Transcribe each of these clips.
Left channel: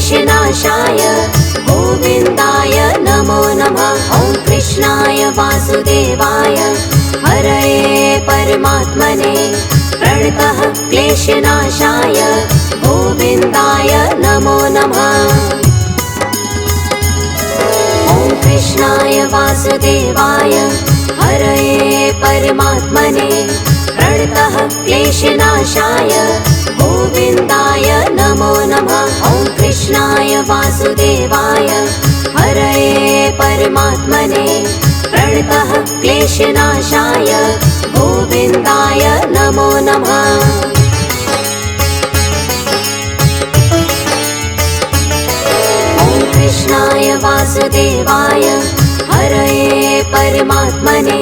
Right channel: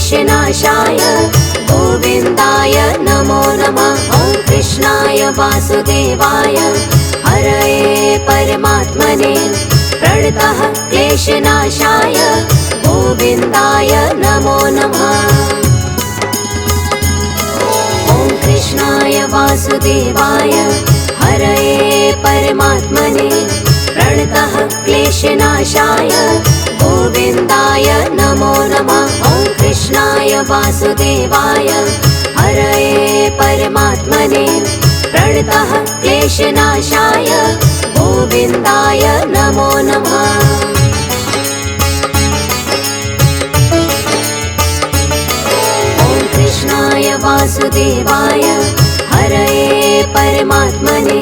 क्लेशनाशाय गोविन्दाय नमो नमः। ॐ कृष्णाय वासुदेवाय हरये परमात्मने प्रणतः क्लेशनाशाय गोविन्दाय नमो नमः। ॐ कृष्णाय वासुदेवाय हरये परमात्मने प्रणतः क्लेशनाशाय गोविन्दाय नमो नमः। ॐ कृष्णाय वासुदेवाय हरये परमात्मने प्रणतः क्लेशनाशाय गोविन्दाय नमो नमः। ॐ कृष्णाय वासुदेवाय हरये परमात्मने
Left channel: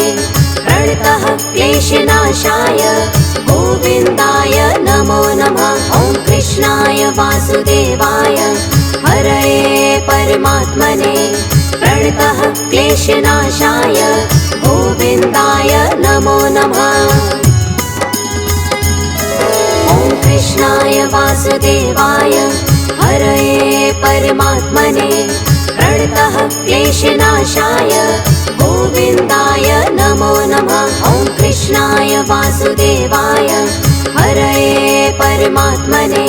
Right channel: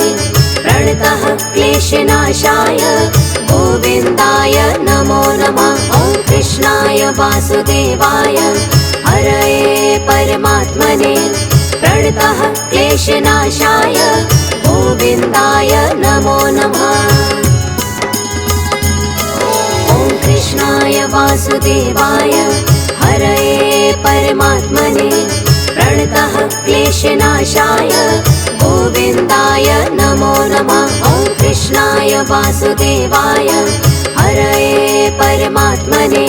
प्रणतः क्लेशनाशाय गोविन्दाय नमो नमः। ॐ कृष्णाय वासुदेवाय हरये परमात्मने प्रणतः क्लेशनाशाय गोविन्दाय नमो नमः। ॐ कृष्णाय वासुदेवाय हरये परमात्मने प्रणतः क्लेशनाशाय गोविन्दाय नमो नमः। ॐ कृष्णाय वासुदेवाय हरये परमात्मने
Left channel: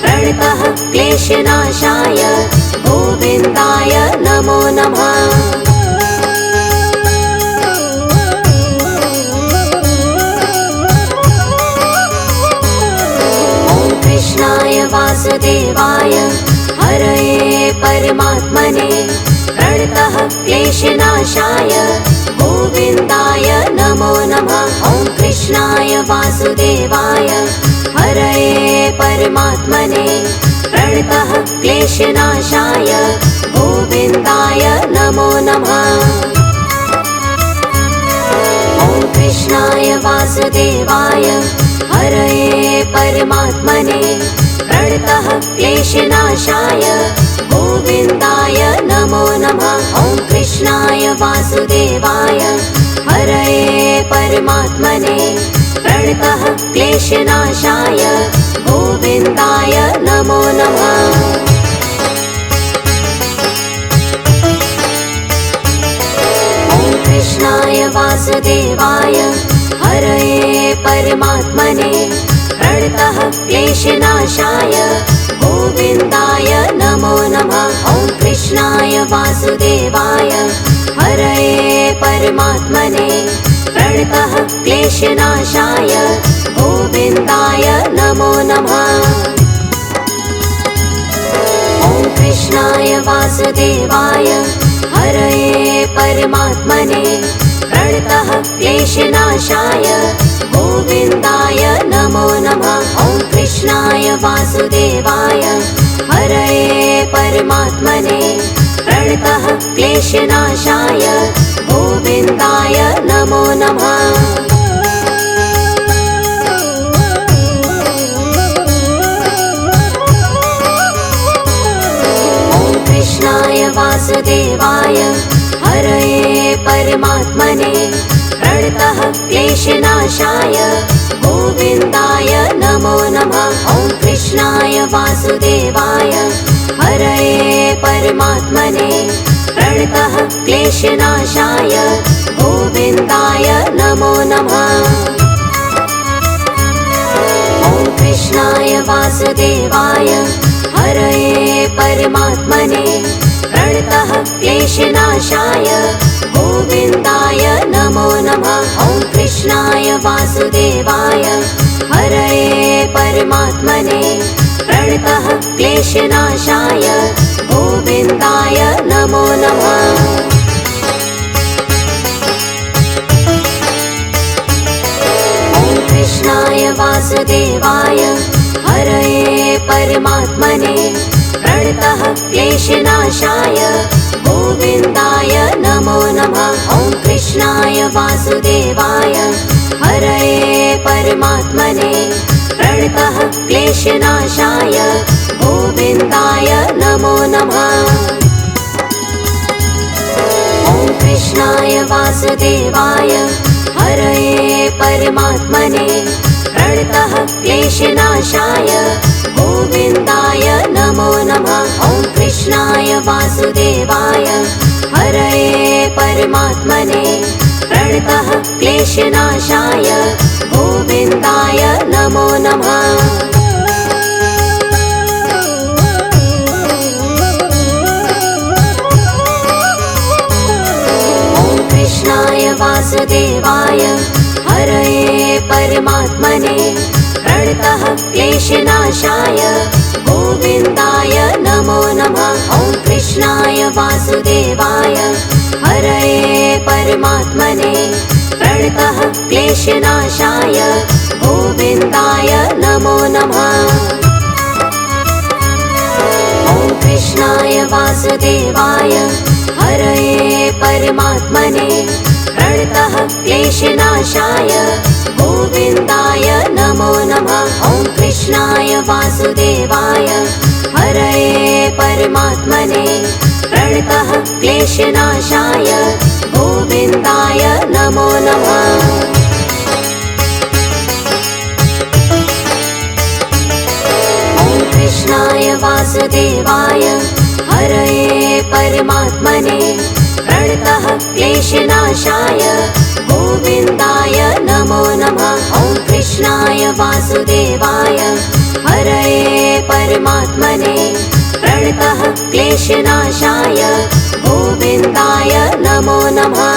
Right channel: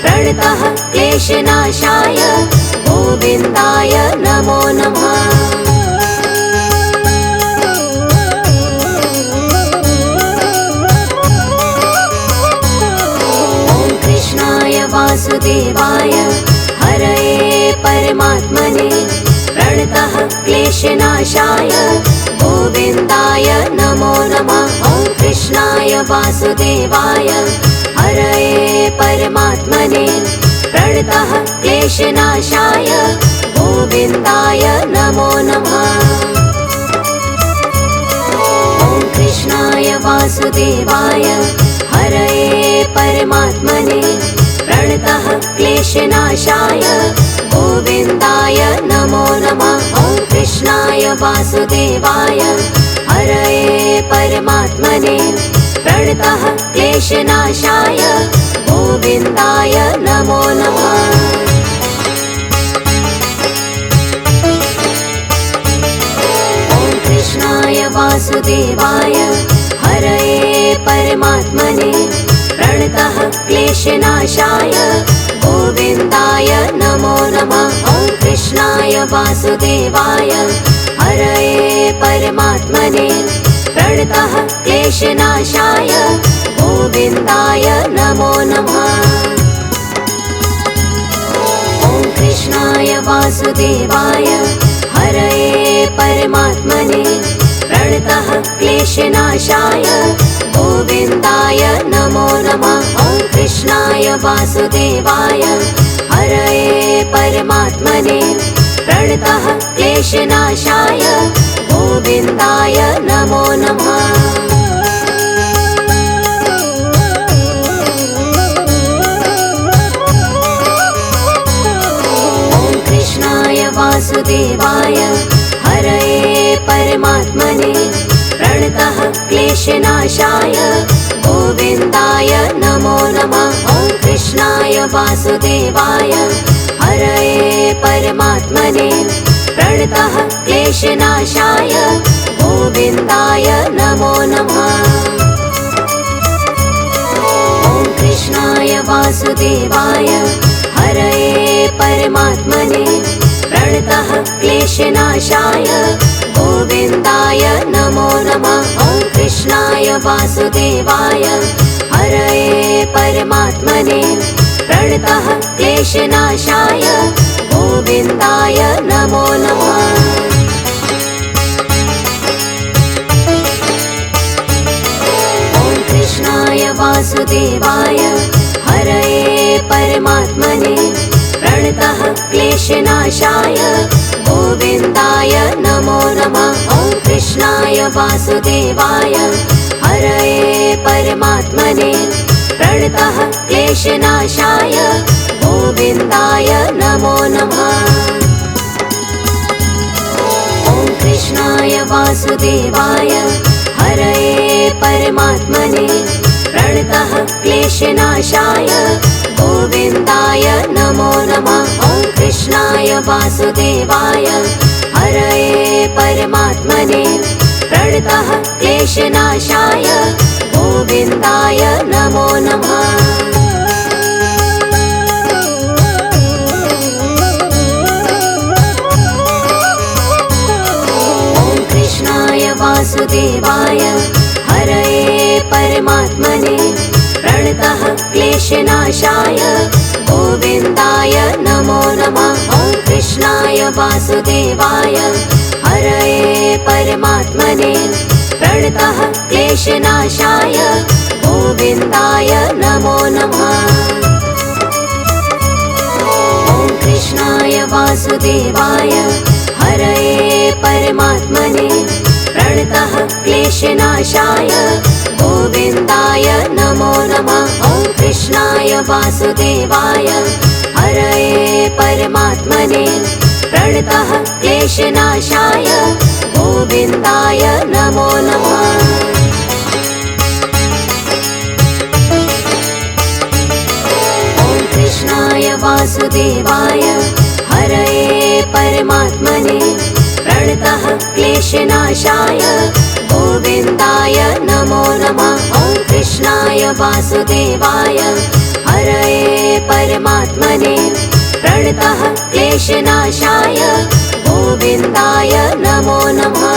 प्रणतः क्लेशनाशाय गोविन्दाय नमो नमः। ॐ कृष्णाय वासुदेवाय हरये परमात्मने प्रणतः क्लेशनाशाय गोविन्दाय नमो नमः। ॐ कृष्णाय वासुदेवाय हरये परमात्मने प्रणतः क्लेशनाशाय गोविन्दाय नमो नमः। ॐ कृष्णाय वासुदेवाय हरये परमात्मने प्रणतः क्लेशनाशाय गोविन्दाय नमो नमः। ॐ कृष्णाय वासुदेवाय हरये परमात्मने प्रणतः क्लेशनाशाय गोविन्दाय नमो नमः। ॐ कृष्णाय वासुदेवाय हरये परमात्मने प्रणतः क्लेशनाशाय गोविन्दाय नमो नमः। ॐ कृष्णाय वासुदेवाय हरये परमात्मने प्रणतः क्लेशनाशाय गोविन्दाय नमो नमः। ॐ कृष्णाय वासुदेवाय हरये परमात्मने प्रणतः क्लेशनाशाय गोविन्दाय नमो नमः। ॐ कृष्णाय वासुदेवाय हरये परमात्मने प्रणतः क्लेशनाशाय गोविन्दाय नमो नमः। ॐ कृष्णाय वासुदेवाय हरये परमात्मने प्रणतः क्लेशनाशाय गोविन्दाय नमो नमः। ॐ कृष्णाय वासुदेवाय हरये परमात्मने प्रणतः क्लेशनाशाय गोविन्दाय नमो नमः। ॐ कृष्णाय वासुदेवाय हरये परमात्मने प्रणतः क्लेशनाशाय गोविन्दाय नमो नमः। ॐ कृष्णाय वासुदेवाय हरये परमात्मने प्रणतः क्लेशनाशाय गोविन्दाय नमो नमः। ॐ कृष्णाय वासुदेवाय हरये परमात्मने प्रणतः क्लेशनाशाय गोविन्दाय नमो नमः। ॐ कृष्णाय वासुदेवाय हरये परमात्मने प्रणतः क्लेशनाशाय गोविन्दाय नमो नमः। ॐ कृष्णाय वासुदेवाय हरये परमात्मने प्रणतः क्लेशनाशाय गोविन्दाय नमो नमः। वासुदेवाय हरये परमात्मने प्रणतः क्लेशनाशाय गोविन्दाय नमो नमः। वासुदेवाय हरये परमात्मने प्रणतः क्लेशनाशाय गोविन्दाय नमो नमः। ॐ कृष्णाय वासुदेवाय हरये परमात्मने प्रणतः क्लेशनाशाय गोविन्दाय नमो नमः। ॐ कृष्णाय वासुदेवाय हरये परमात्मने प्रणतः क्लेशनाशाय गोविन्दाय नमो नमः। ॐ कृष्णाय वासुदेवाय हरये परमात्मने प्रणतः क्लेशनाशाय गोविन्दाय नमो नमः। ॐ कृष्णाय वासुदेवाय हरये परमात्मने प्रणतः क्लेशनाशाय गोविन्दाय नमो नमः। ॐ कृष्णाय वासुदेवाय हरये परमात्मने प्रणतः क्लेशनाशाय गोविन्दाय नमो नमः।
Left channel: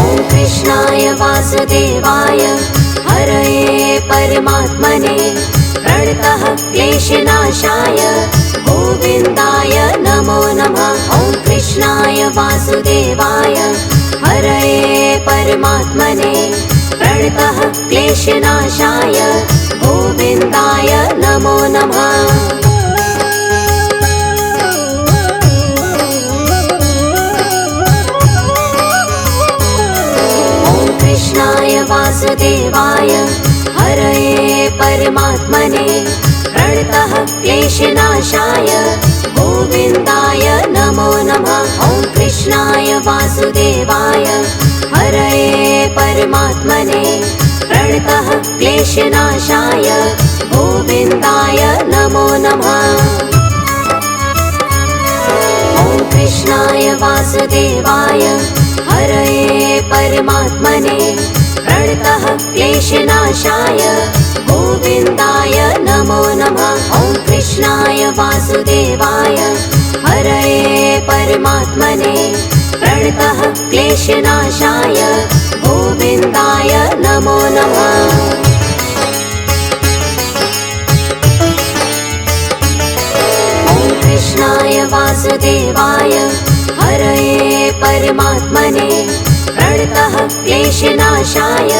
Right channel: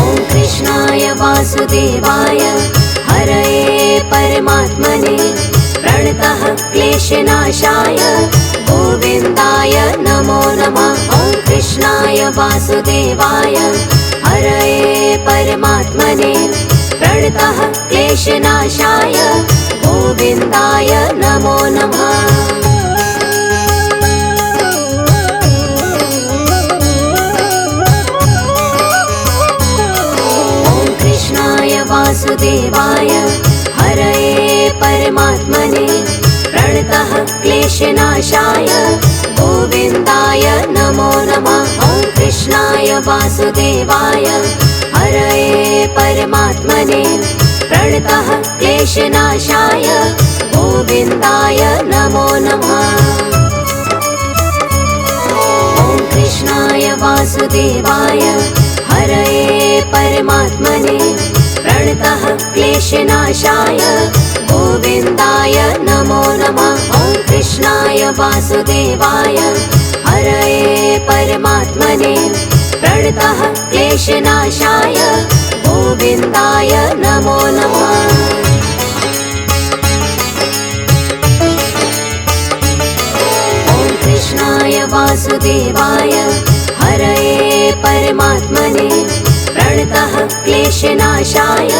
ॐ कृष्णाय वासुदेवाय हरये परमात्मने प्रणतः क्लेशनाशाय गोविन्दाय नमो नमः। ॐ कृष्णाय वासुदेवाय हरये परमात्मने प्रणतः क्लेशनाशाय गोविन्दाय नमो नमः। ॐ कृष्णाय वासुदेवाय हरये परमात्मने प्रणतः क्लेशनाशाय गोविन्दाय नमो नमः। ॐ कृष्णाय वासुदेवाय हरये परमात्मने प्रणतः क्लेशनाशाय गोविन्दाय नमो नमः। ॐ कृष्णाय वासुदेवाय हरये परमात्मने प्रणतः क्लेशनाशाय गोविन्दाय नमो नमः। ॐ कृष्णाय वासुदेवाय हरये परमात्मने प्रणतः क्लेशनाशाय गोविन्दाय नमो नमः। ॐ कृष्णाय वासुदेवाय हरये परमात्मने प्रणतः क्लेशनाशाय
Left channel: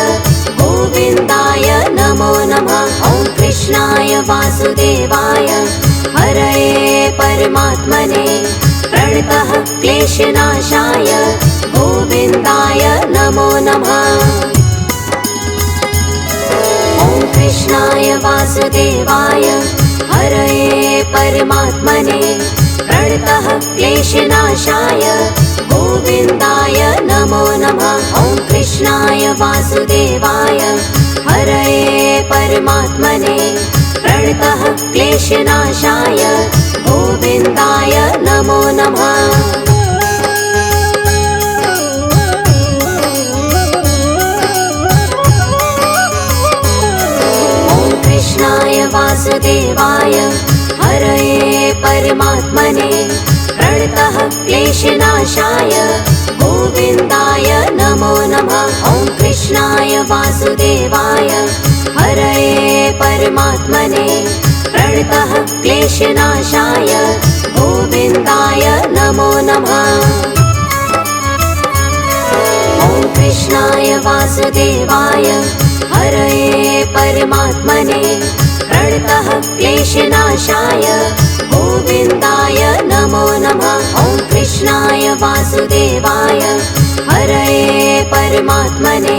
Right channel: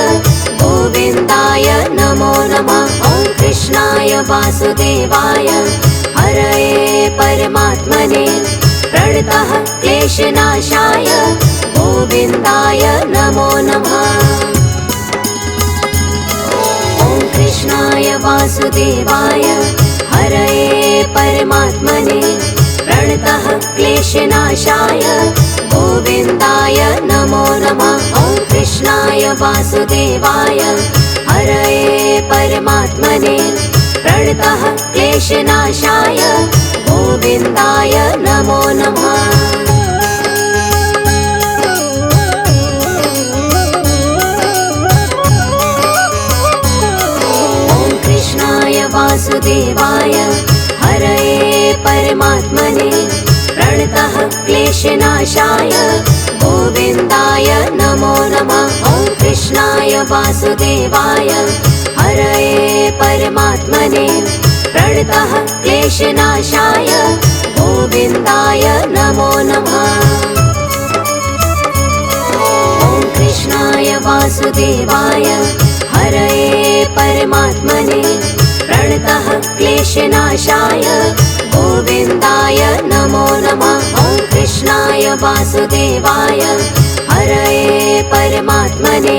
गोविन्दाय नमो नमः। ॐ कृष्णाय वासुदेवाय हरये परमात्मने प्रणतः क्लेशनाशाय गोविन्दाय नमो नमः। ॐ कृष्णाय वासुदेवाय हरये परमात्मने प्रणतः क्लेशनाशाय गोविन्दाय नमो नमः। ॐ कृष्णाय वासुदेवाय हरये परमात्मने प्रणतः क्लेशनाशाय गोविन्दाय नमो नमः। ॐ कृष्णाय वासुदेवाय हरये परमात्मने प्रणतः क्लेशनाशाय गोविन्दाय नमो नमः। ॐ कृष्णाय वासुदेवाय हरये परमात्मने प्रणतः क्लेशनाशाय गोविन्दाय नमो नमः। ॐ कृष्णाय वासुदेवाय हरये परमात्मने प्रणतः क्लेशनाशाय गोविन्दाय नमो नमः। ॐ कृष्णाय वासुदेवाय हरये परमात्मने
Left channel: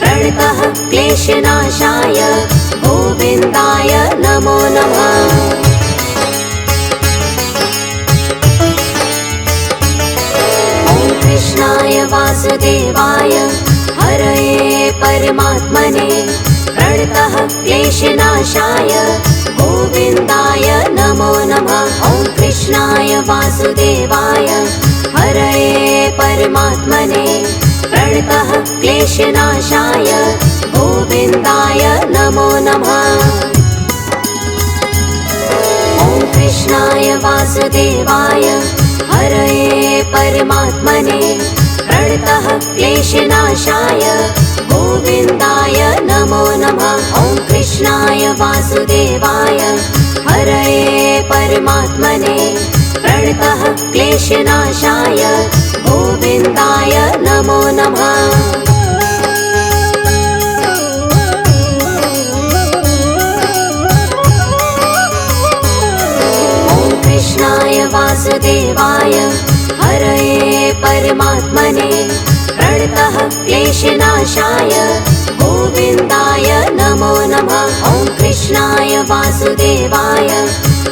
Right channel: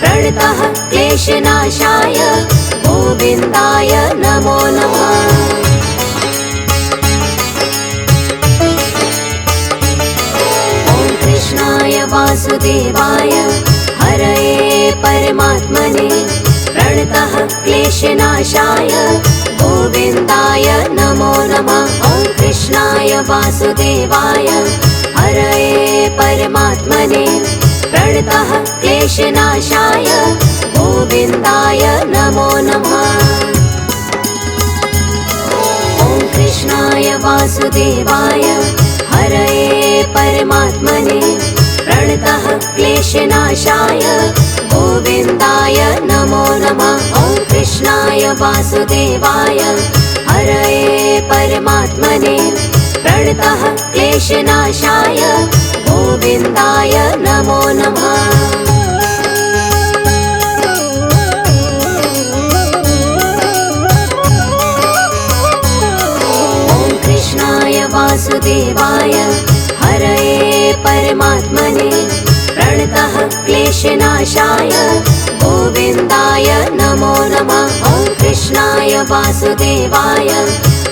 प्रणतः क्लेशनाशाय गोविन्दाय नमो नमः। ॐ कृष्णाय वासुदेवाय हरये परमात्मने प्रणतः क्लेशनाशाय गोविन्दाय नमो नमः। वासुदेवाय हरये परमात्मने प्रणतः क्लेशनाशाय गोविन्दाय नमो नमः। ॐ कृष्णाय वासुदेवाय हरये परमात्मने प्रणतः क्लेशनाशाय गोविन्दाय नमो नमः। ॐ कृष्णाय वासुदेवाय हरये परमात्मने प्रणतः क्लेशनाशाय गोविन्दाय नमो नमः। ॐ कृष्णाय वासुदेवाय हरये परमात्मने प्रणतः क्लेशनाशाय गोविन्दाय नमो नमः। ॐ कृष्णाय वासुदेवाय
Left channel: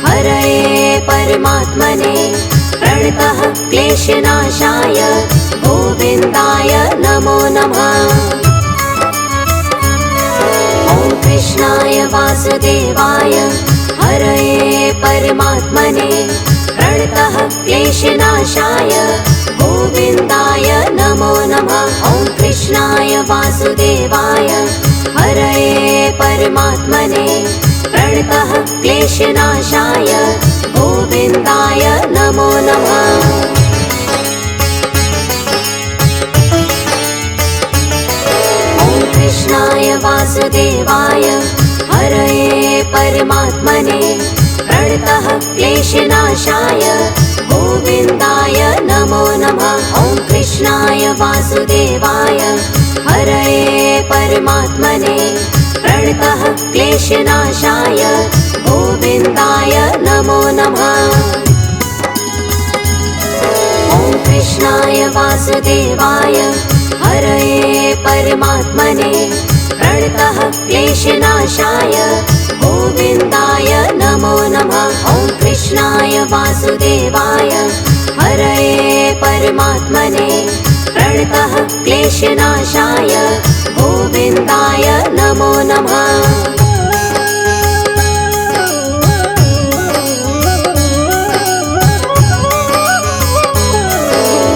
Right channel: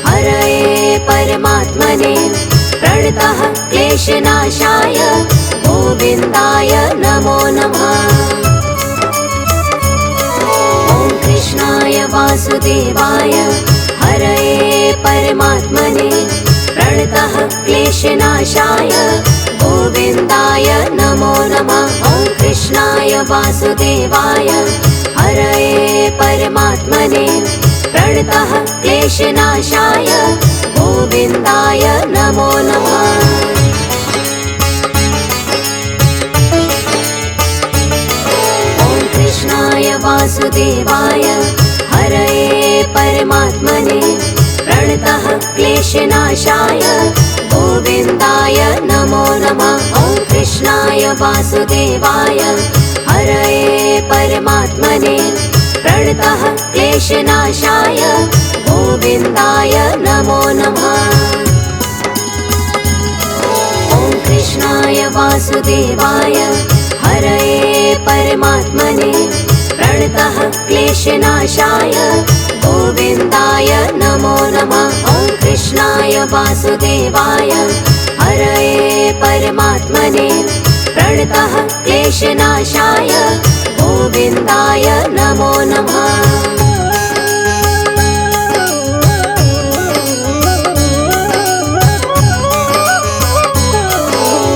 हरये परमात्मने प्रणतः क्लेशनाशाय गोविन्दाय नमो नमः। ॐ कृष्णाय वासुदेवाय हरये परमात्मने प्रणतः क्लेशनाशाय गोविन्दाय नमो नमः। ॐ कृष्णाय वासुदेवाय हरये परमात्मने प्रणतः क्लेशनाशाय गोविन्दाय नमो नमः। ॐ कृष्णाय वासुदेवाय हरये परमात्मने प्रणतः क्लेशनाशाय गोविन्दाय नमो नमः। ॐ कृष्णाय वासुदेवाय हरये परमात्मने प्रणतः क्लेशनाशाय गोविन्दाय नमो नमः। ॐ कृष्णाय वासुदेवाय हरये परमात्मने प्रणतः क्लेशनाशाय गोविन्दाय नमो नमः। ॐ कृष्णाय वासुदेवाय हरये परमात्मने प्रणतः क्लेशनाशाय गोविन्दाय नमो नमः।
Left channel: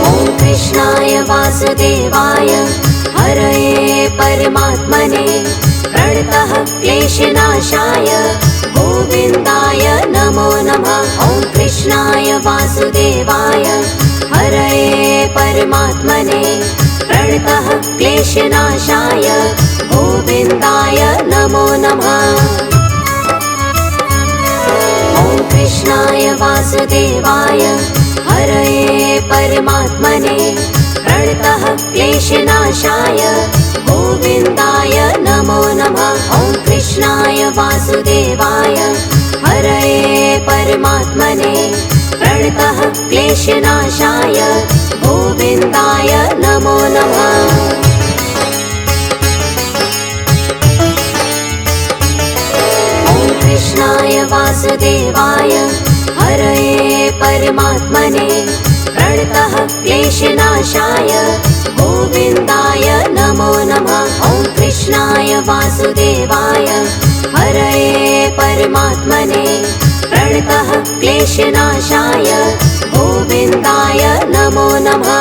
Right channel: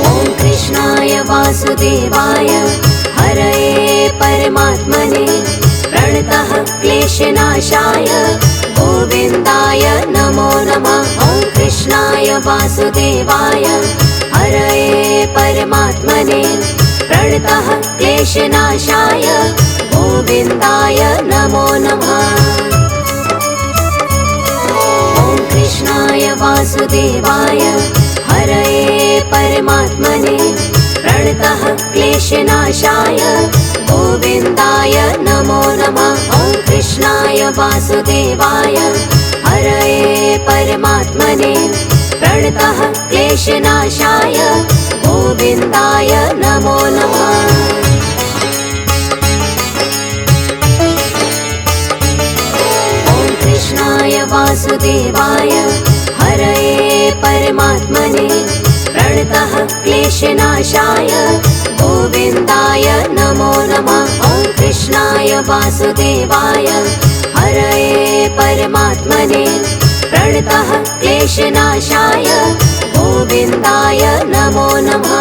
ॐ कृष्णाय वासुदेवाय हरये परमात्मने प्रणतः क्लेशनाशाय गोविन्दाय नमो नमः। ॐ कृष्णाय वासुदेवाय हरये परमात्मने प्रणतः क्लेशनाशाय गोविन्दाय नमो नमः। ॐ कृष्णाय वासुदेवाय हरये परमात्मने प्रणतः क्लेशनाशाय गोविन्दाय नमो नमः। ॐ कृष्णाय वासुदेवाय हरये परमात्मने प्रणतः क्लेशनाशाय गोविन्दाय नमो नमः। ॐ कृष्णाय वासुदेवाय हरये परमात्मने प्रणतः क्लेशनाशाय गोविन्दाय नमो नमः। ॐ कृष्णाय वासुदेवाय हरये परमात्मने प्रणतः क्लेशनाशाय गोविन्दाय नमो नमः।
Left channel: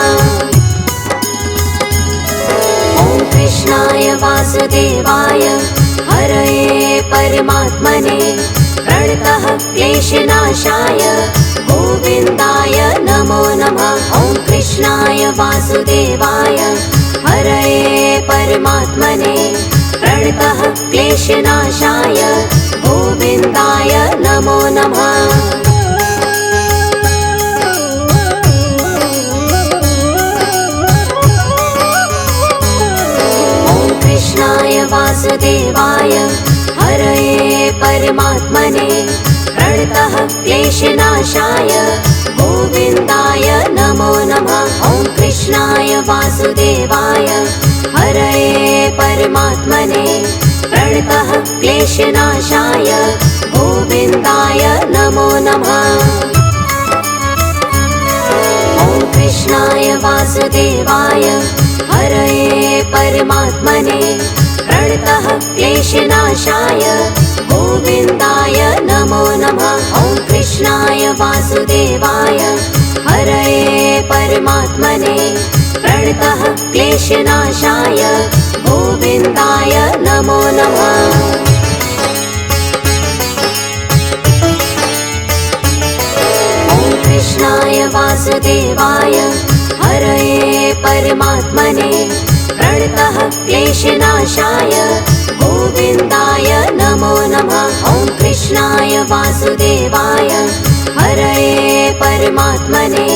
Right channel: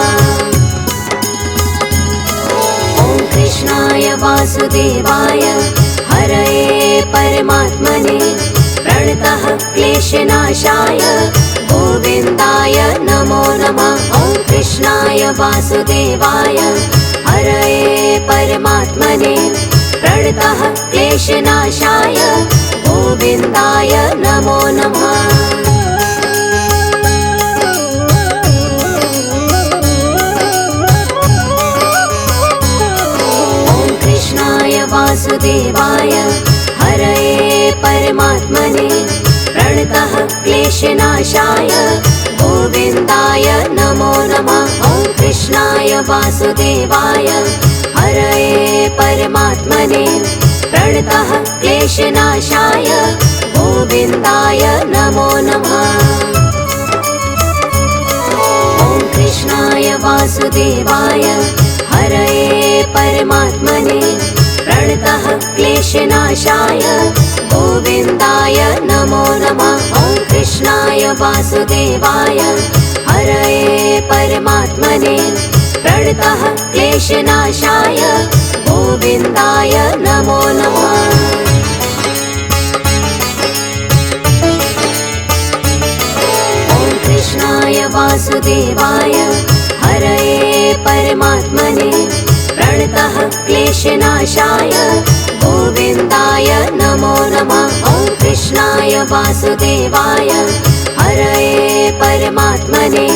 ॐ कृष्णाय वासुदेवाय हरये परमात्मने प्रणतः क्लेशनाशाय गोविन्दाय नमो नमः। ॐ कृष्णाय वासुदेवाय हरये परमात्मने प्रणतः क्लेशनाशाय गोविन्दाय नमो नमः। ॐ कृष्णाय वासुदेवाय हरये परमात्मने प्रणतः क्लेशनाशाय गोविन्दाय नमो नमः। ॐ कृष्णाय वासुदेवाय हरये परमात्मने प्रणतः क्लेशनाशाय गोविन्दाय नमो नमः। ॐ कृष्णाय वासुदेवाय हरये परमात्मने प्रणतः क्लेशनाशाय गोविन्दाय नमो नमः। ॐ कृष्णाय कृष्णाय वासुदेवाय हरये परमात्मने प्रणतः क्लेशनाशाय गोविन्दाय नमो नमः। कृष्णाय वासुदेवाय हरये परमात्मने प्रणतः क्लेशनाशाय गोविन्दाय नमो नमः। ॐ कृष्णाय वासुदेवाय हरये परमात्मने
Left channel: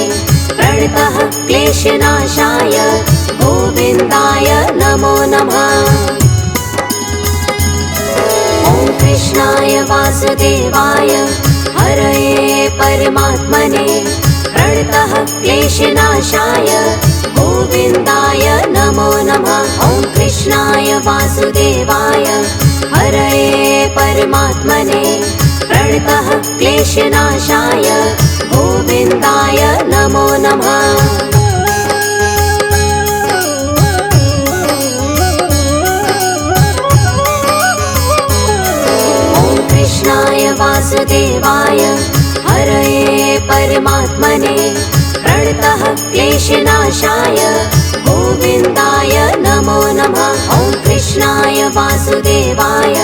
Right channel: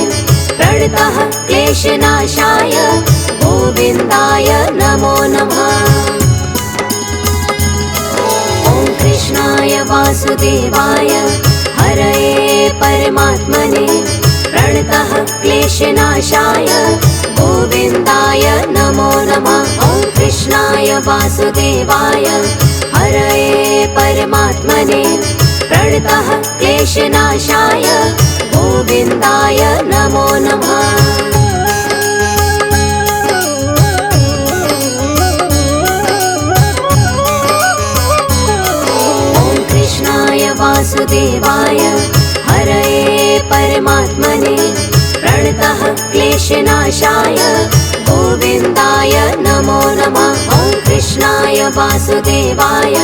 प्रणतः क्लेशनाशाय गोविन्दाय नमो नमः। ॐ कृष्णाय वासुदेवाय हरये परमात्मने प्रणतः क्लेशनाशाय गोविन्दाय नमो नमः। ॐ कृष्णाय वासुदेवाय हरये परमात्मने प्रणतः क्लेशनाशाय गोविन्दाय नमो नमः। वासुदेवाय हरये परमात्मने प्रणतः क्लेशनाशाय गोविन्दाय नमो नमः। ॐ कृष्णाय वासुदेवाय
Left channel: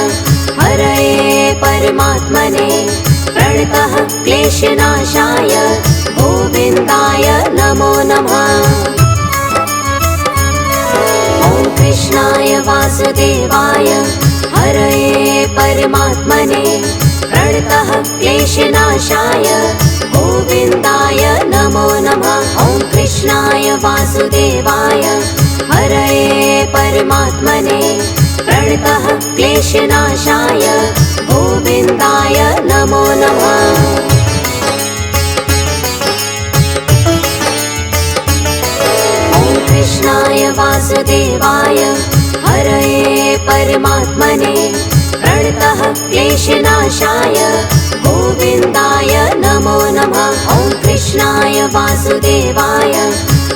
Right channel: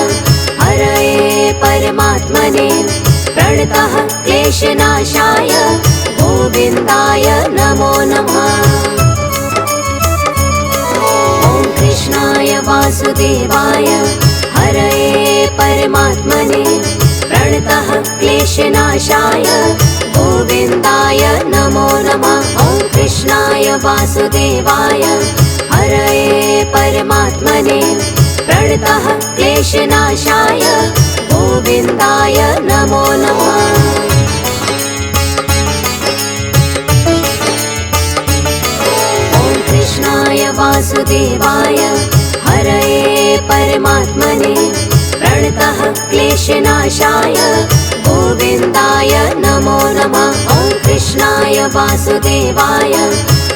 हरये परमात्मने प्रणतः क्लेशनाशाय गोविन्दाय नमो नमः। ॐ कृष्णाय वासुदेवाय हरये परमात्मने प्रणतः क्लेशनाशाय गोविन्दाय नमो नमः। ॐ कृष्णाय वासुदेवाय हरये परमात्मने प्रणतः क्लेशनाशाय गोविन्दाय नमो नमः। ॐ कृष्णाय वासुदेवाय हरये परमात्मने प्रणतः क्लेशनाशाय गोविन्दाय नमो नमः। ॐ कृष्णाय वासुदेवाय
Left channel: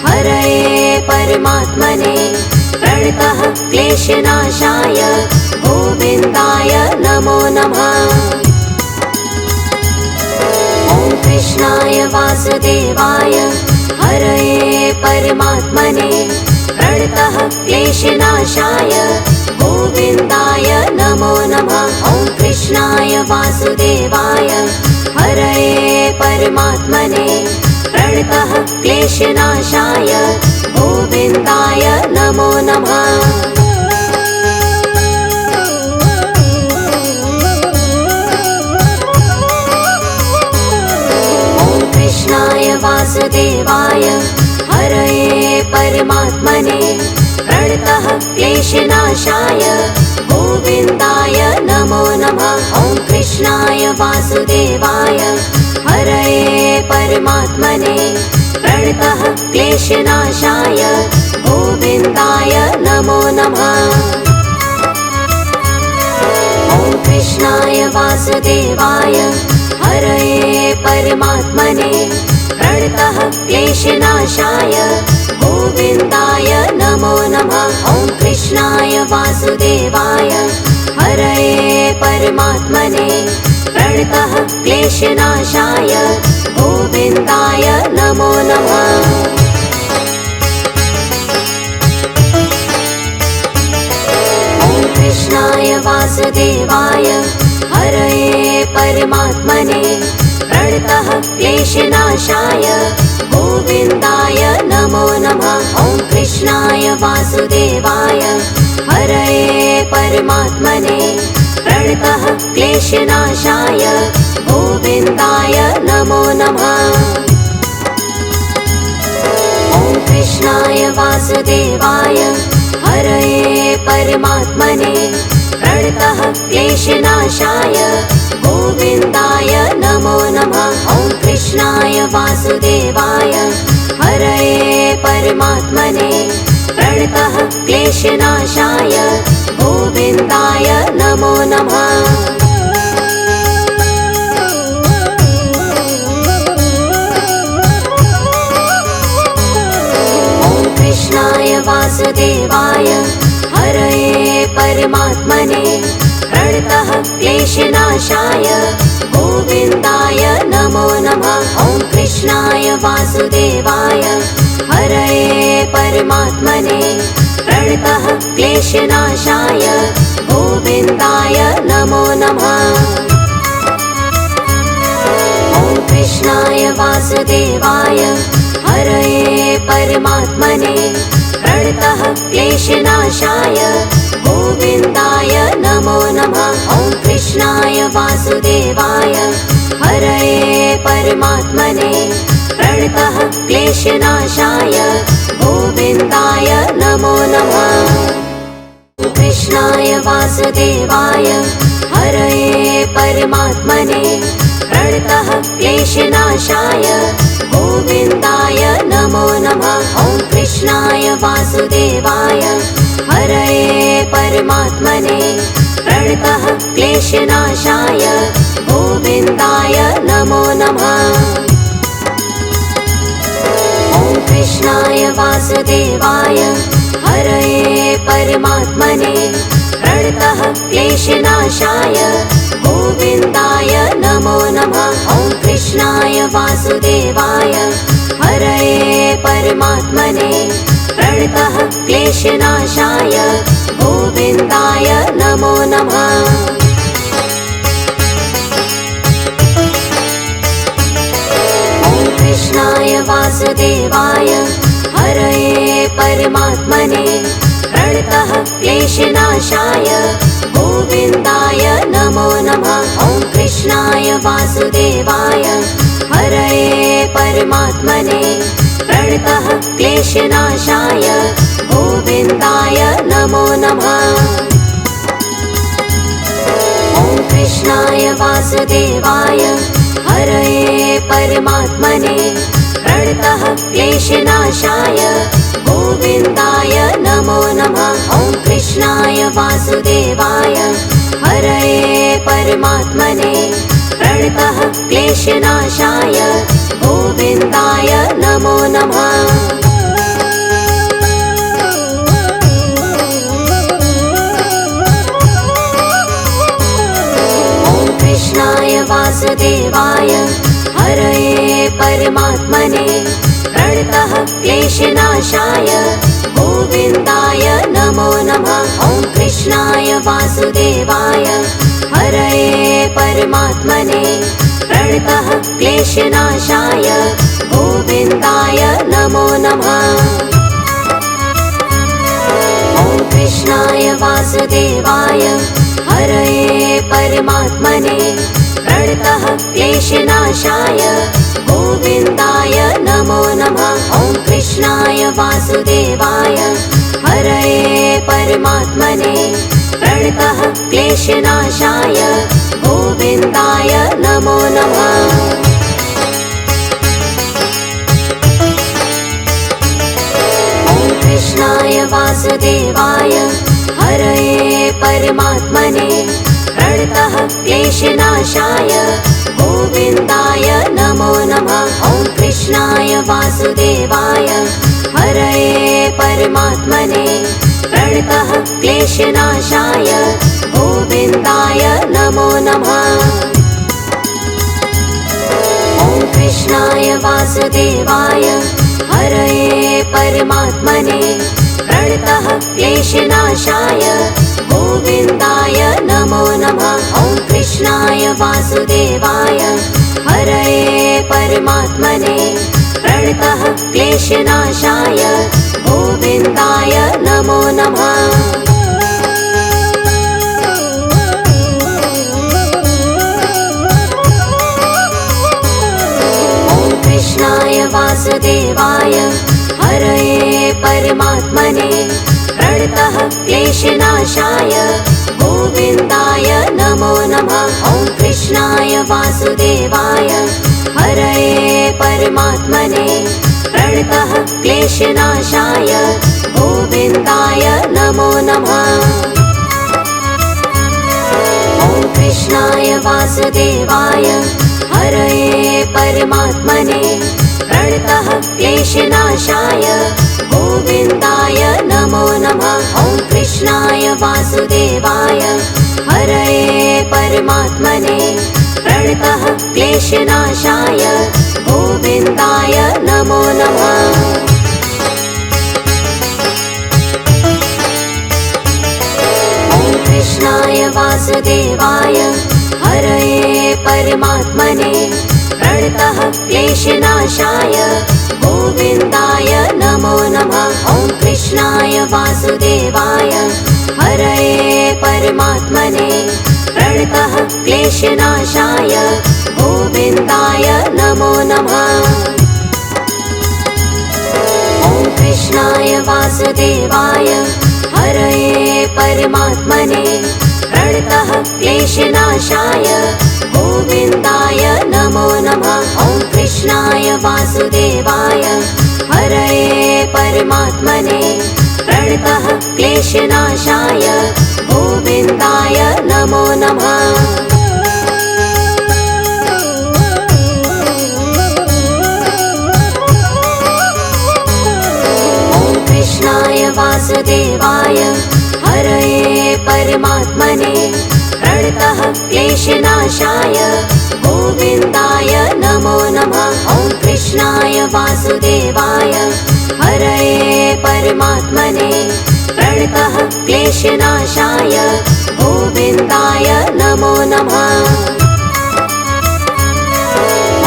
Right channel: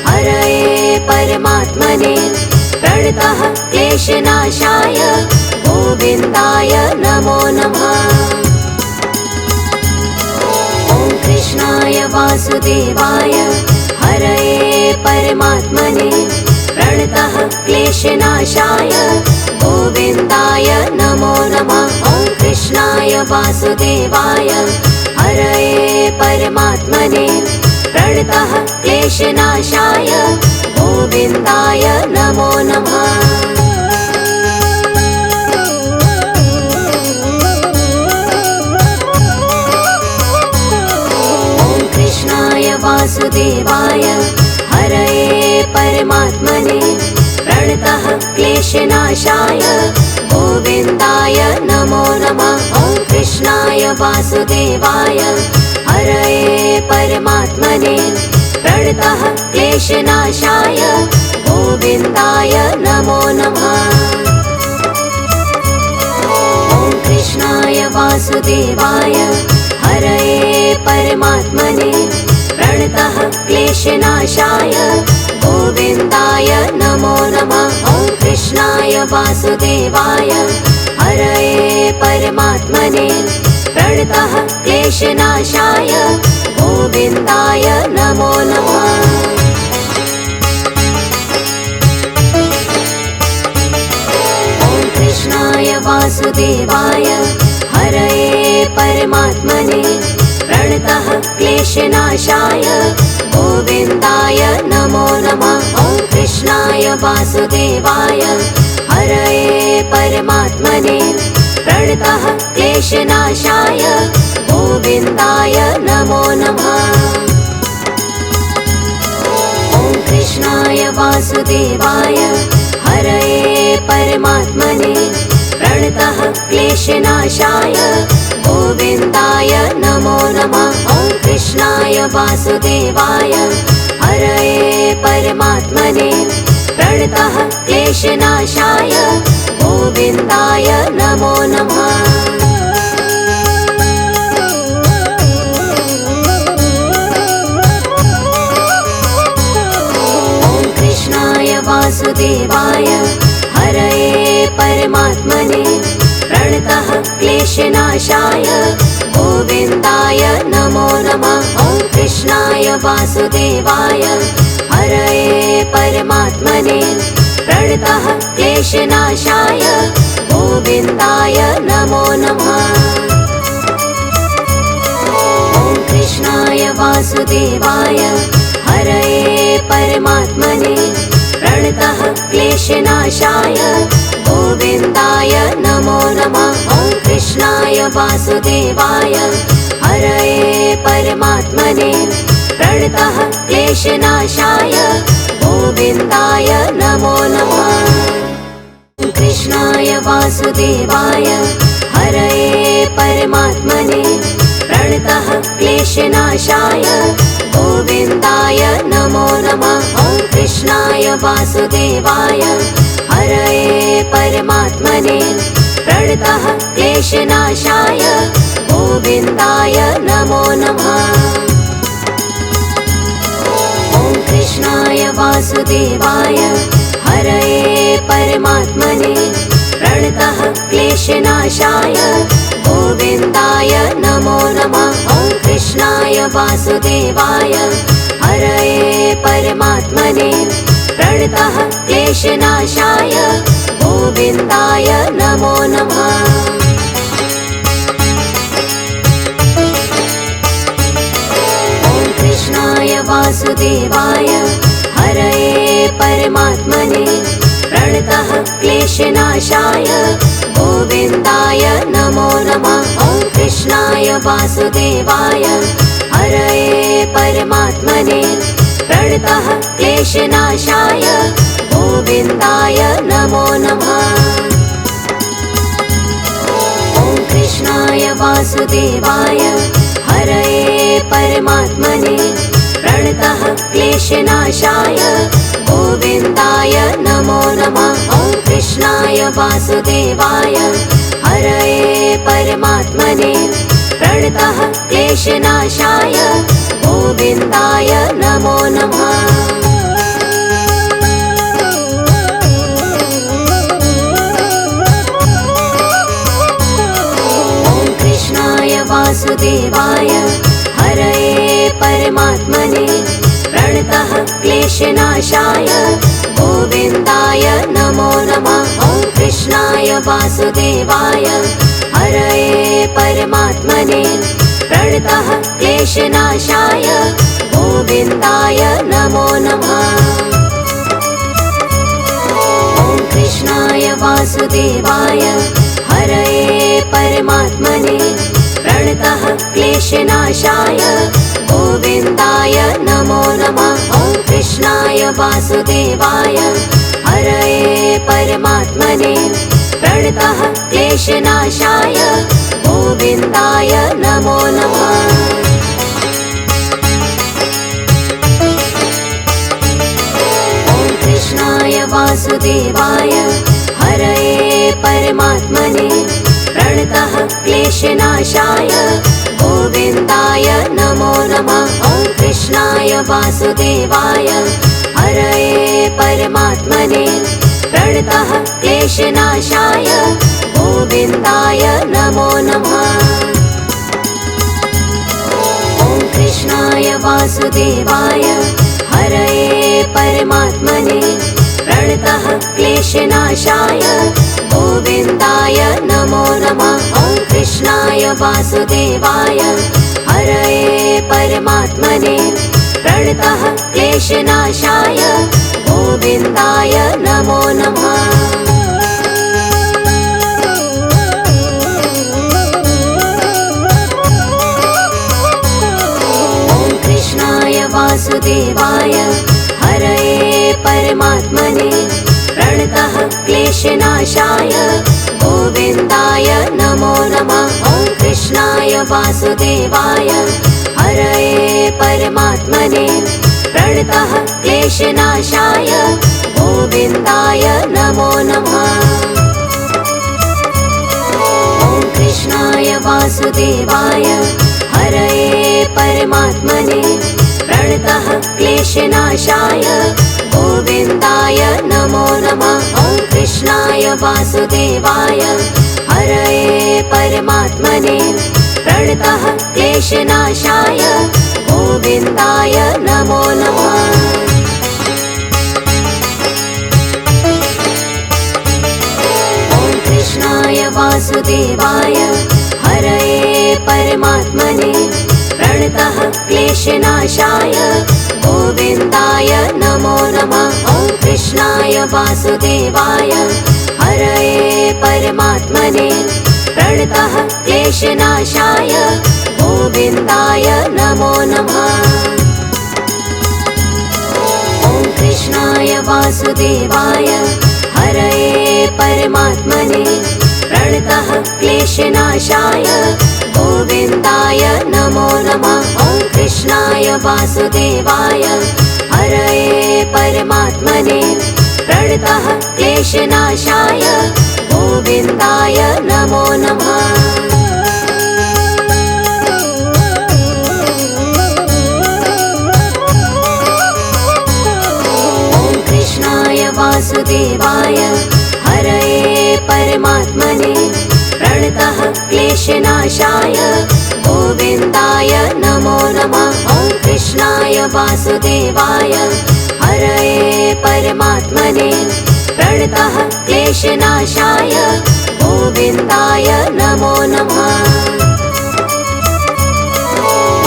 हरये परमात्मने प्रणतः क्लेशनाशाय गोविन्दाय नमो नमः। ॐ कृष्णाय वासुदेवाय हरये परमात्मने प्रणतः क्लेशनाशाय गोविन्दाय नमो नमः। ॐ कृष्णाय वासुदेवाय हरये परमात्मने प्रणतः क्लेशनाशाय गोविन्दाय नमो नमः। ॐ कृष्णाय वासुदेवाय हरये परमात्मने प्रणतः क्लेशनाशाय गोविन्दाय नमो नमः। ॐ कृष्णाय वासुदेवाय हरये परमात्मने प्रणतः क्लेशनाशाय गोविन्दाय नमो नमः। ॐ कृष्णाय वासुदेवाय हरये परमात्मने प्रणतः क्लेशनाशाय गोविन्दाय नमो नमः। ॐ कृष्णाय वासुदेवाय हरये परमात्मने प्रणतः क्लेशनाशाय गोविन्दाय नमो नमः। ॐ कृष्णाय वासुदेवाय हरये परमात्मने प्रणतः क्लेशनाशाय गोविन्दाय नमो नमः। ॐ कृष्णाय वासुदेवाय हरये परमात्मने प्रणतः क्लेशनाशाय गोविन्दाय नमो नमः। ॐ कृष्णाय वासुदेवाय हरये परमात्मने प्रणतः क्लेशनाशाय गोविन्दाय नमो नमः। ॐ कृष्णाय वासुदेवाय हरये परमात्मने प्रणतः क्लेशनाशाय गोविन्दाय नमो नमः। ॐ कृष्णाय वासुदेवाय हरये परमात्मने प्रणतः क्लेशनाशाय गोविन्दाय नमो वासुदेवाय हरये परमात्मने प्रणतः क्लेशनाशाय गोविन्दाय नमो नमः। ॐ कृष्णाय वासुदेवाय हरये परमात्मने प्रणतः क्लेशनाशाय गोविन्दाय नमो नमः। ॐ कृष्णाय वासुदेवाय हरये परमात्मने प्रणतः क्लेशनाशाय गोविन्दाय नमो नमः। ॐ कृष्णाय वासुदेवाय हरये परमात्मने प्रणतः क्लेशनाशाय गोविन्दाय नमो नमः। ॐ कृष्णाय वासुदेवाय हरये परमात्मने प्रणतः क्लेशनाशाय गोविन्दाय नमो नमः। ॐ कृष्णाय वासुदेवाय हरये परमात्मने प्रणतः क्लेशनाशाय गोविन्दाय नमो नमः। ॐ कृष्णाय वासुदेवाय हरये परमात्मने प्रणतः क्लेशनाशाय गोविन्दाय नमो नमः। ॐ कृष्णाय वासुदेवाय हरये परमात्मने प्रणतः क्लेशनाशाय गोविन्दाय नमो नमः। ॐ कृष्णाय वासुदेवाय हरये परमात्मने प्रणतः क्लेशनाशाय गोविन्दाय नमो नमः। ॐ कृष्णाय वासुदेवाय हरये परमात्मने प्रणतः क्लेशनाशाय गोविन्दाय नमो नमः। ॐ कृष्णाय वासुदेवाय हरये परमात्मने प्रणतः क्लेशनाशाय गोविन्दाय नमो नमः। ॐ कृष्णाय वासुदेवाय हरये परमात्मने प्रणतः क्लेशनाशाय गोविन्दाय नमो नमः। ॐ कृष्णाय वासुदेवाय हरये परमात्मने प्रणतः क्लेशनाशाय गोविन्दाय नमो नमः। ॐ कृष्णाय वासुदेवाय हरये परमात्मने प्रणतः क्लेशनाशाय गोविन्दाय नमो नमः। ॐ कृष्णाय वासुदेवाय हरये परमात्मने प्रणतः क्लेशनाशाय गोविन्दाय नमो नमः। ॐ कृष्णाय वासुदेवाय हरये परमात्मने प्रणतः क्लेशनाशाय गोविन्दाय नमो नमः। ॐ कृष्णाय वासुदेवाय हरये परमात्मने प्रणतः क्लेशनाशाय गोविन्दाय नमो नमः। ॐ कृष्णाय वासुदेवाय हरये परमात्मने प्रणतः क्लेशनाशाय गोविन्दाय नमो नमः। ॐ कृष्णाय वासुदेवाय हरये परमात्मने प्रणतः क्लेशनाशाय गोविन्दाय नमो नमः। ॐ कृष्णाय वासुदेवाय हरये परमात्मने प्रणतः क्लेशनाशाय गोविन्दाय नमो नमः। ॐ कृष्णाय वासुदेवाय हरये परमात्मने प्रणतः क्लेशनाशाय गोविन्दाय नमो नमः। ॐ कृष्णाय वासुदेवाय हरये परमात्मने प्रणतः क्लेशनाशाय गोविन्दाय नमो नमः। ॐ कृष्णाय वासुदेवाय हरये परमात्मने प्रणतः क्लेशनाशाय गोविन्दाय नमो नमः। कृष्णाय वासुदेवाय हरये परमात्मने प्रणतः क्लेशनाशाय गोविन्दाय नमो नमः। ॐ कृष्णाय वासुदेवाय हरये परमात्मने प्रणतः क्लेशनाशाय गोविन्दाय नमो नमः। ॐ कृष्णाय वासुदेवाय हरये परमात्मने प्रणतः क्लेशनाशाय गोविन्दाय नमो नमः। ॐ कृष्णाय वासुदेवाय हरये परमात्मने प्रणतः क्लेशनाशाय गोविन्दाय नमो नमः। वासुदेवाय हरये परमात्मने प्रणतः क्लेशनाशाय गोविन्दाय नमो नमः। ॐ कृष्णाय वासुदेवाय हरये परमात्मने प्रणतः क्लेशनाशाय गोविन्दाय नमो नमः।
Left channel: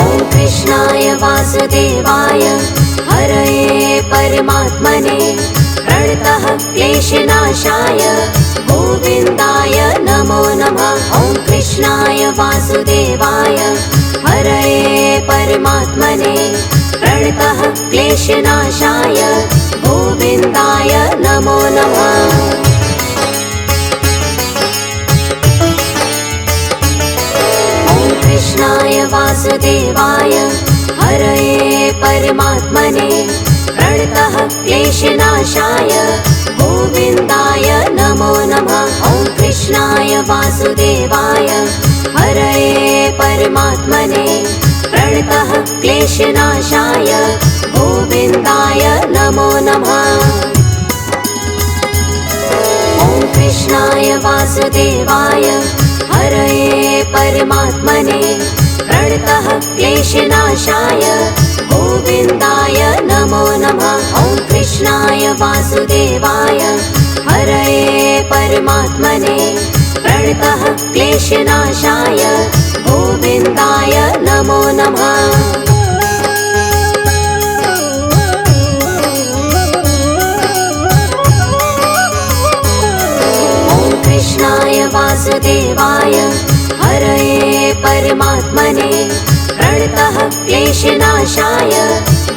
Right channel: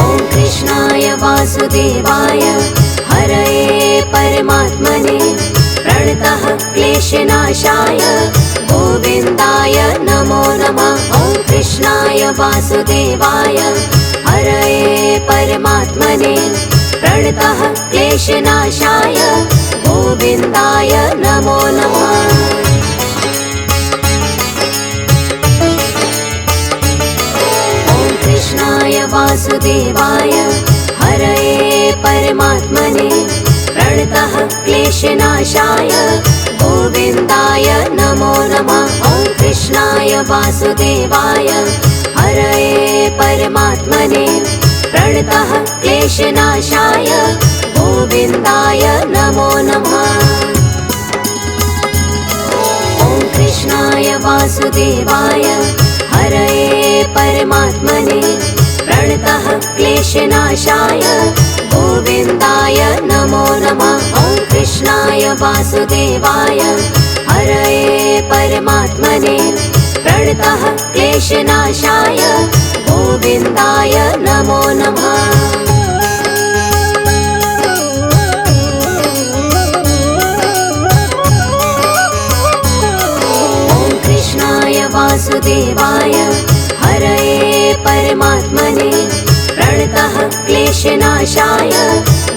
ॐ कृष्णाय वासुदेवाय हरये परमात्मने प्रणतः क्लेशनाशाय गोविन्दाय नमो नमः। ॐ कृष्णाय वासुदेवाय हरये परमात्मने प्रणतः क्लेशनाशाय गोविन्दाय नमो नमः। ॐ कृष्णाय वासुदेवाय हरये परमात्मने प्रणतः क्लेशनाशाय गोविन्दाय नमो नमः। ॐ कृष्णाय वासुदेवाय हरये परमात्मने प्रणतः क्लेशनाशाय गोविन्दाय नमो नमः। ॐ कृष्णाय वासुदेवाय हरये परमात्मने प्रणतः क्लेशनाशाय गोविन्दाय नमो नमः। ॐ कृष्णाय वासुदेवाय हरये परमात्मने प्रणतः क्लेशनाशाय गोविन्दाय नमो नमः। ॐ कृष्णाय वासुदेवाय हरये परमात्मने प्रणतः क्लेशनाशाय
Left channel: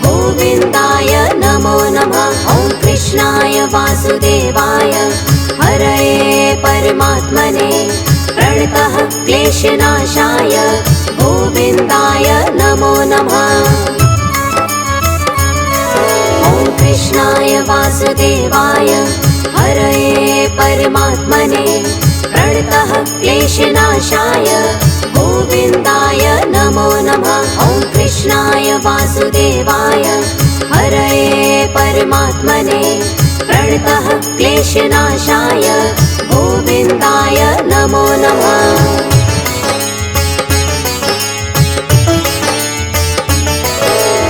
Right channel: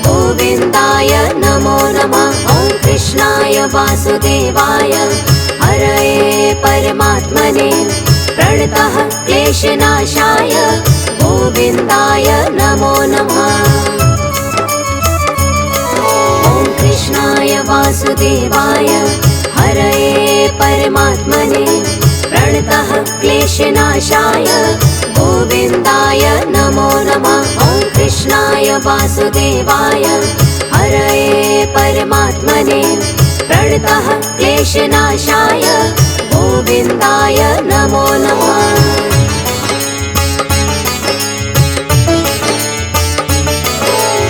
गोविन्दाय नमो नमः। ॐ कृष्णाय वासुदेवाय हरये परमात्मने प्रणतः क्लेशनाशाय गोविन्दाय नमो नमः। ॐ कृष्णाय वासुदेवाय हरये परमात्मने प्रणतः क्लेशनाशाय गोविन्दाय नमो नमः। ॐ कृष्णाय वासुदेवाय हरये परमात्मने प्रणतः क्लेशनाशाय गोविन्दाय नमो नमः।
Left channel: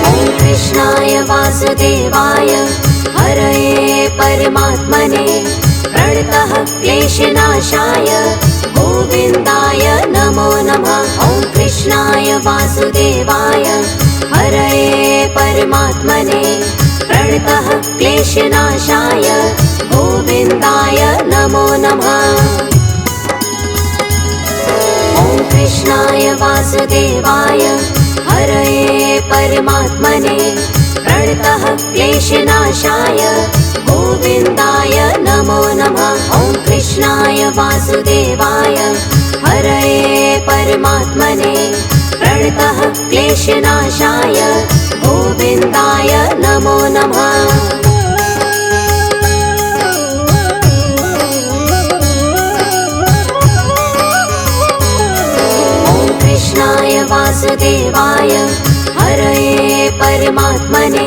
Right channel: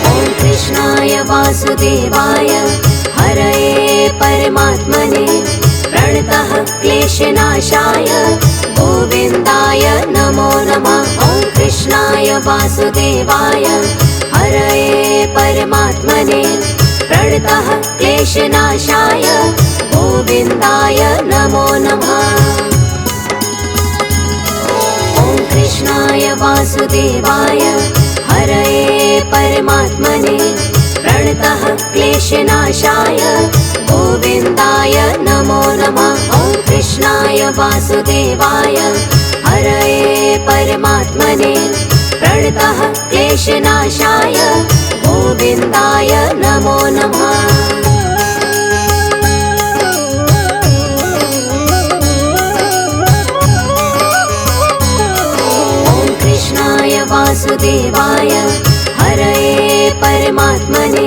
ॐ कृष्णाय वासुदेवाय हरये परमात्मने प्रणतः क्लेशनाशाय गोविन्दाय नमो नमः। ॐ कृष्णाय वासुदेवाय हरये परमात्मने प्रणतः क्लेशनाशाय गोविन्दाय नमो नमः। ॐ कृष्णाय वासुदेवाय हरये परमात्मने प्रणतः क्लेशनाशाय गोविन्दाय नमो नमः। ॐ कृष्णाय वासुदेवाय हरये परमात्मने प्रणतः क्लेशनाशाय गोविन्दाय नमो नमः। वासुदेवाय हरये परमात्मने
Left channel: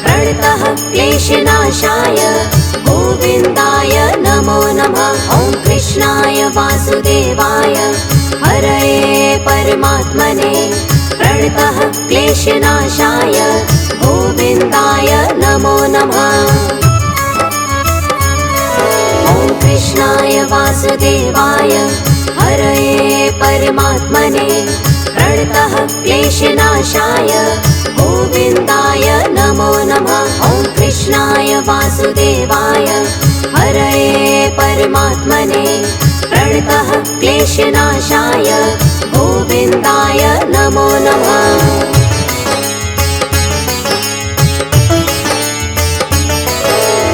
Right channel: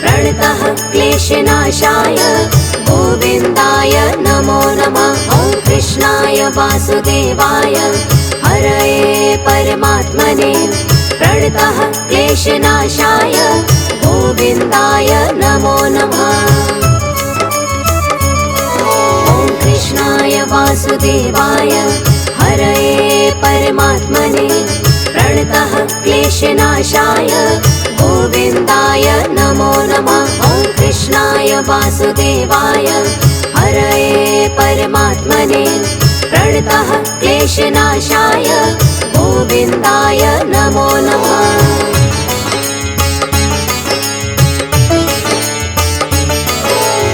प्रणतः क्लेशनाशाय गोविन्दाय नमो नमः। ॐ कृष्णाय वासुदेवाय हरये परमात्मने प्रणतः क्लेशनाशाय गोविन्दाय नमो नमः। ॐ कृष्णाय वासुदेवाय हरये परमात्मने प्रणतः क्लेशनाशाय गोविन्दाय नमो नमः। ॐ कृष्णाय वासुदेवाय हरये परमात्मने प्रणतः क्लेशनाशाय गोविन्दाय नमो नमः।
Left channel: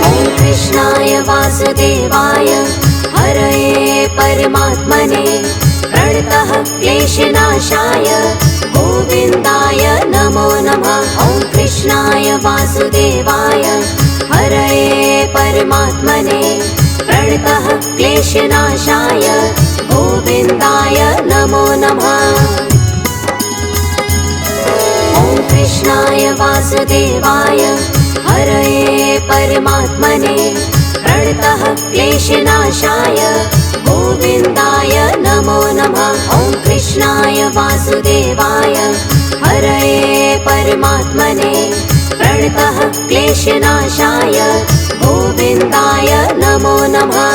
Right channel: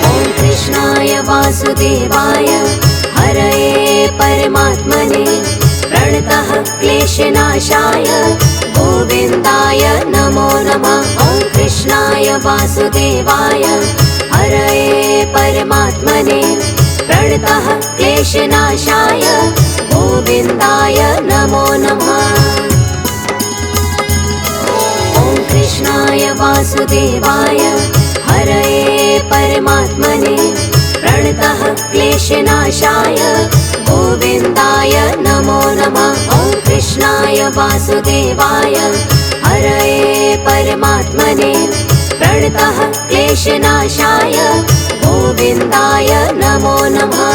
ॐ कृष्णाय वासुदेवाय हरये परमात्मने प्रणतः क्लेशनाशाय गोविन्दाय नमो नमः। ॐ कृष्णाय वासुदेवाय हरये परमात्मने प्रणतः क्लेशनाशाय गोविन्दाय नमो नमः। ॐ कृष्णाय वासुदेवाय हरये परमात्मने प्रणतः क्लेशनाशाय गोविन्दाय नमो नमः। ॐ कृष्णाय वासुदेवाय हरये परमात्मने प्रणतः क्लेशनाशाय गोविन्दाय नमो नमः।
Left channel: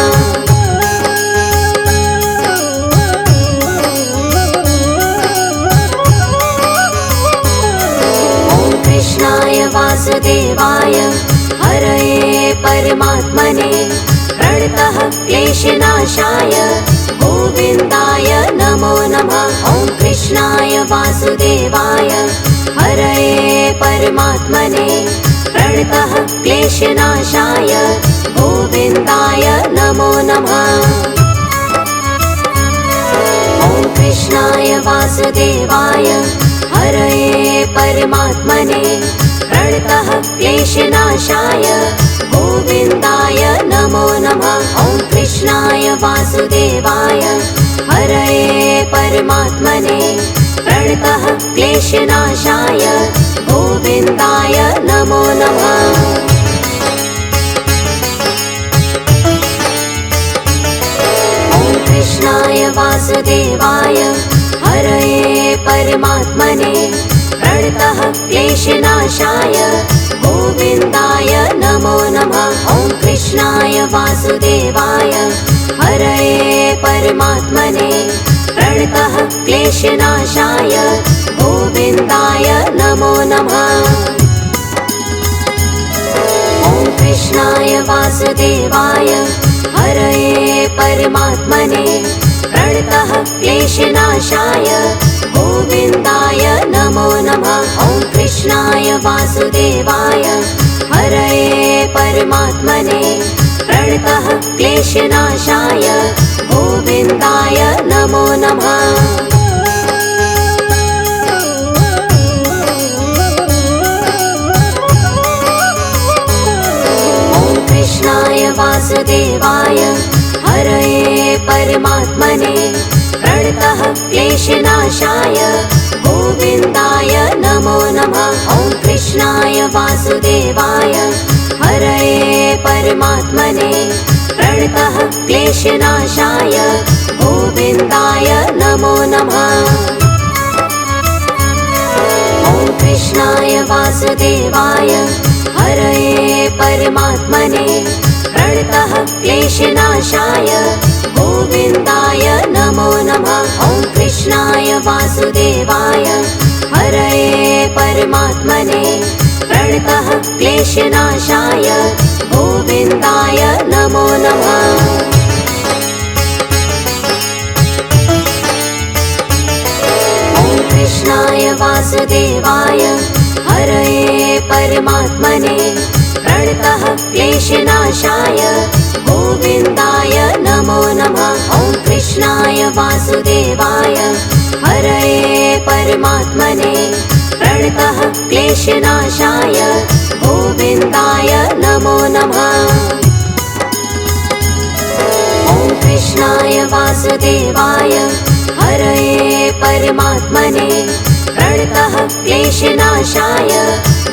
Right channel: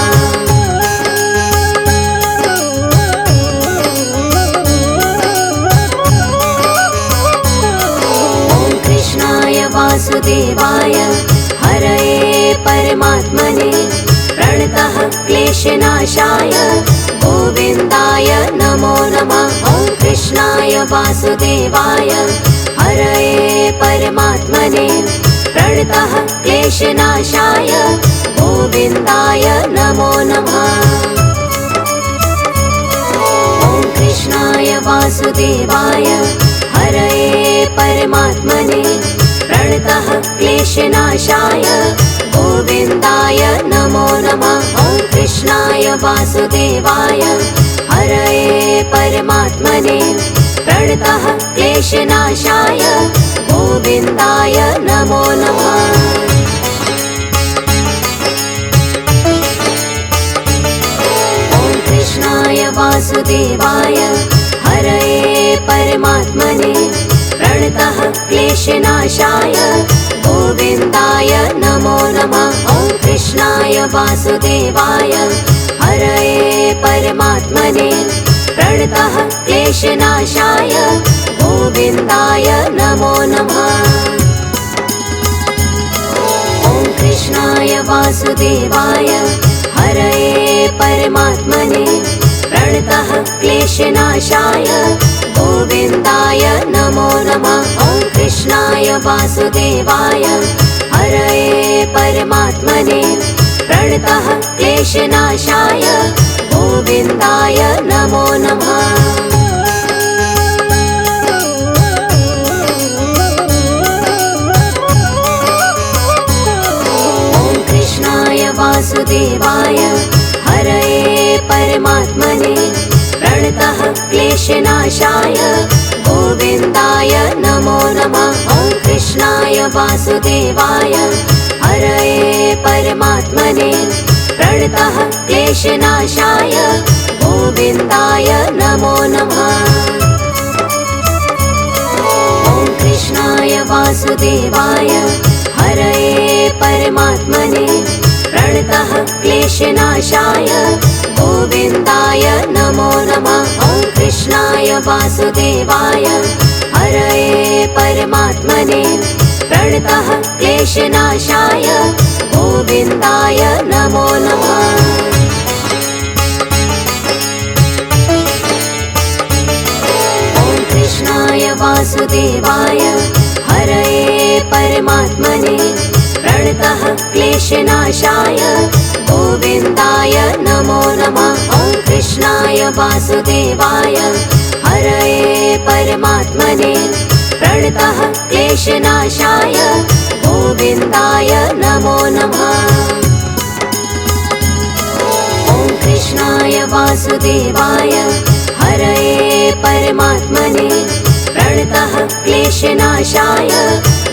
ॐ कृष्णाय वासुदेवाय हरये परमात्मने प्रणतः क्लेशनाशाय गोविन्दाय नमो नमः। ॐ कृष्णाय वासुदेवाय हरये परमात्मने प्रणतः क्लेशनाशाय गोविन्दाय नमो नमः। ॐ कृष्णाय वासुदेवाय हरये परमात्मने प्रणतः क्लेशनाशाय गोविन्दाय नमो नमः। ॐ कृष्णाय वासुदेवाय हरये परमात्मने प्रणतः क्लेशनाशाय गोविन्दाय नमो नमः। ॐ कृष्णाय वासुदेवाय हरये परमात्मने प्रणतः क्लेशनाशाय गोविन्दाय नमो नमः। ॐ कृष्णाय वासुदेवाय हरये परमात्मने प्रणतः क्लेशनाशाय गोविन्दाय नमो नमः। ॐ कृष्णाय वासुदेवाय हरये परमात्मने प्रणतः क्लेशनाशाय गोविन्दाय नमो नमः। ॐ कृष्णाय वासुदेवाय हरये परमात्मने प्रणतः क्लेशनाशाय गोविन्दाय नमो नमः। ॐ कृष्णाय वासुदेवाय हरये परमात्मने प्रणतः क्लेशनाशाय गोविन्दाय नमो नमः। ॐ कृष्णाय वासुदेवाय हरये परमात्मने प्रणतः क्लेशनाशाय गोविन्दाय नमो नमः। ॐ कृष्णाय वासुदेवाय हरये परमात्मने प्रणतः क्लेशनाशाय गोविन्दाय नमो नमः। ॐ कृष्णाय वासुदेवाय हरये परमात्मने प्रणतः क्लेशनाशाय गोविन्दाय नमो नमः। ॐ कृष्णाय वासुदेवाय हरये परमात्मने प्रणतः क्लेशनाशाय गोविन्दाय नमो नमः। ॐ कृष्णाय वासुदेवाय हरये परमात्मने प्रणतः क्लेशनाशाय गोविन्दाय नमो नमः। ॐ कृष्णाय वासुदेवाय हरये परमात्मने प्रणतः क्लेशनाशाय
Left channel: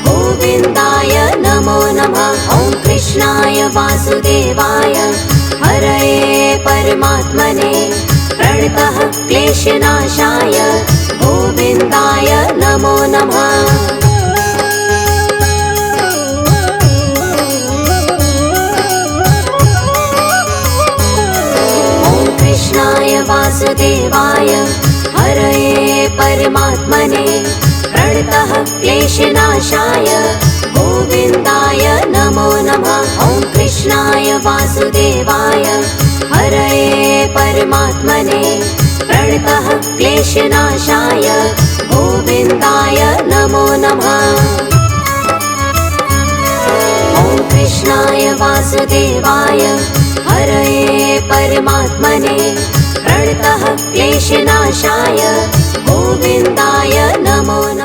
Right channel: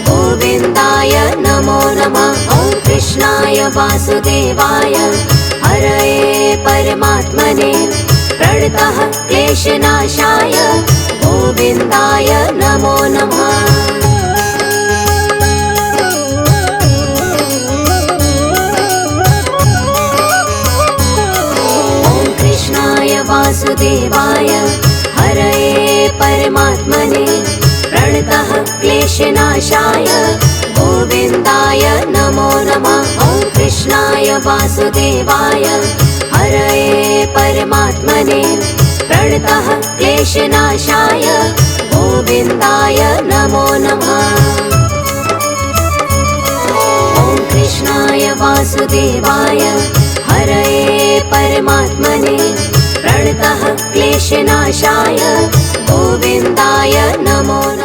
गोविन्दाय नमो नमः। ॐ कृष्णाय वासुदेवाय हरये परमात्मने प्रणतः क्लेशनाशाय गोविन्दाय नमो नमः। वासुदेवाय हरये परमात्मने प्रणतः क्लेशनाशाय गोविन्दाय नमो नमः। ॐ कृष्णाय वासुदेवाय हरये परमात्मने प्रणतः क्लेशनाशाय गोविन्दाय नमो नमः। ॐ कृष्णाय वासुदेवाय हरये परमात्मने प्रणतः क्लेशनाशाय गोविन्दाय नमो नमः।